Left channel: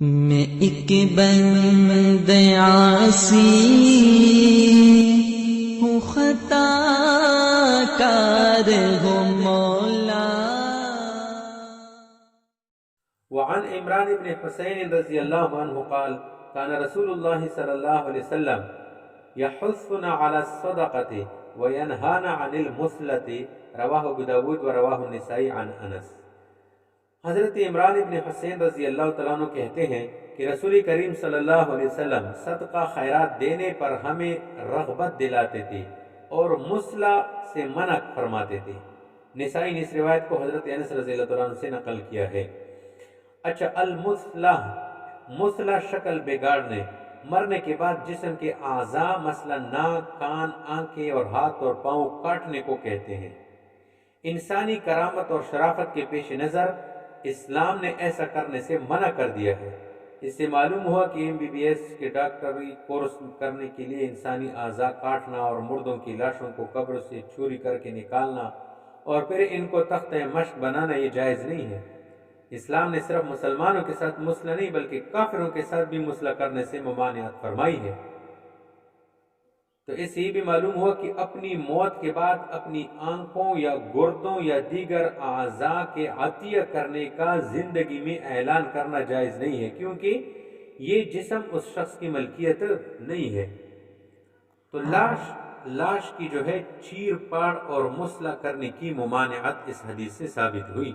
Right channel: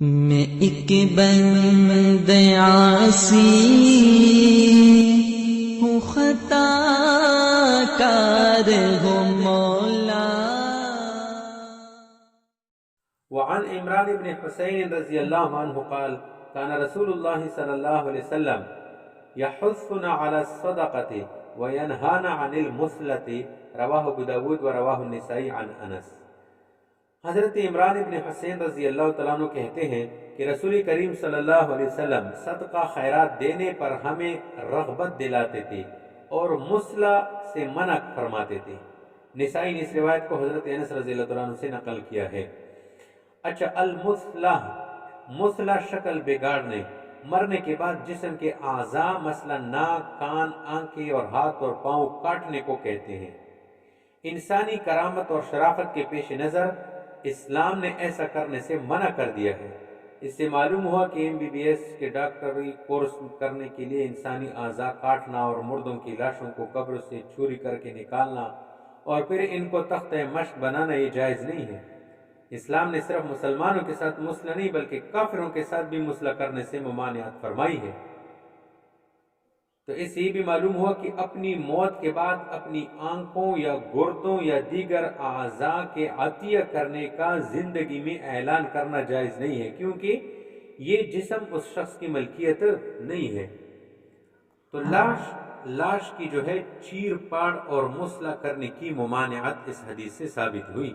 میں ایک بند عاصی ہوں، خطا کار ہوں مولا۔ وعن عمران بن حسین رضی اللہ عنہ قال كان رسول اللہ صلی اللہ علیہ وسلم يحثنا على الصدقة وينهانا عن المثلة رواہ ابو داود و رواہ النسائی عن انس۔ حضرت عمران ابن حسین رضی اللہ تعالیٰ عنہ کہتے ہیں کہ رسول کریم صلی اللہ علیہ وسلم صدقہ خیرات دینے پر ہمیں رغبت دلاتے تھے اور مثلا سے منع فرماتے تھے۔ نسائی نے اس روایت کو حضرت انس رضی اللہ تعالیٰ عنہ سے نقل کیا ہے۔ اچھا، المثلہ، مثلا شکل بگاڑنے، مرنے کے بعد جسم کے اعضاء مثلا ناک، کان، آنکھیں اور ہاتھ اور پاؤں کاٹنے کو کہتے ہیں۔ انسانی کرامت اور شرافت کے پیش نظر اسلام نے ایسا کرنے سے منع کر دیا ہے۔ اس سے معلوم ہوا کہ MBBS کے ڈاکٹری کورس کرنے کے لیے انسانی اعضاء کاٹنا اور مردوں کی لاشوں کو قبر سے چوری کر کے نکالنا اور پھر ان کو تختہ مشق بنانا یہ جائز نہیں ہے۔ اسلام نے صرف مسلمانوں کے ساتھ مثلہ نہیں بلکہ کافروں کے ساتھ بھی مثلہ کرنے سے ممانعت فرمائی ہے۔ تو اس سے یہ بھی معلوم ہوا کہ اپنی موت کے بعد اپنی آنکھوں یا گردوں یا دیگر اعضاء کے عطیہ کرنے کا زندگی میں اعلان کرنا جائز نہیں ہے، کیونکہ یہ جسم اس شخص کی ملکیت نہیں ہے۔ تو لاش کی جو ہے چیر پاڑ اور مثلہ کرنے کی ممانعت اس حدیث سے ثابت ہوئی۔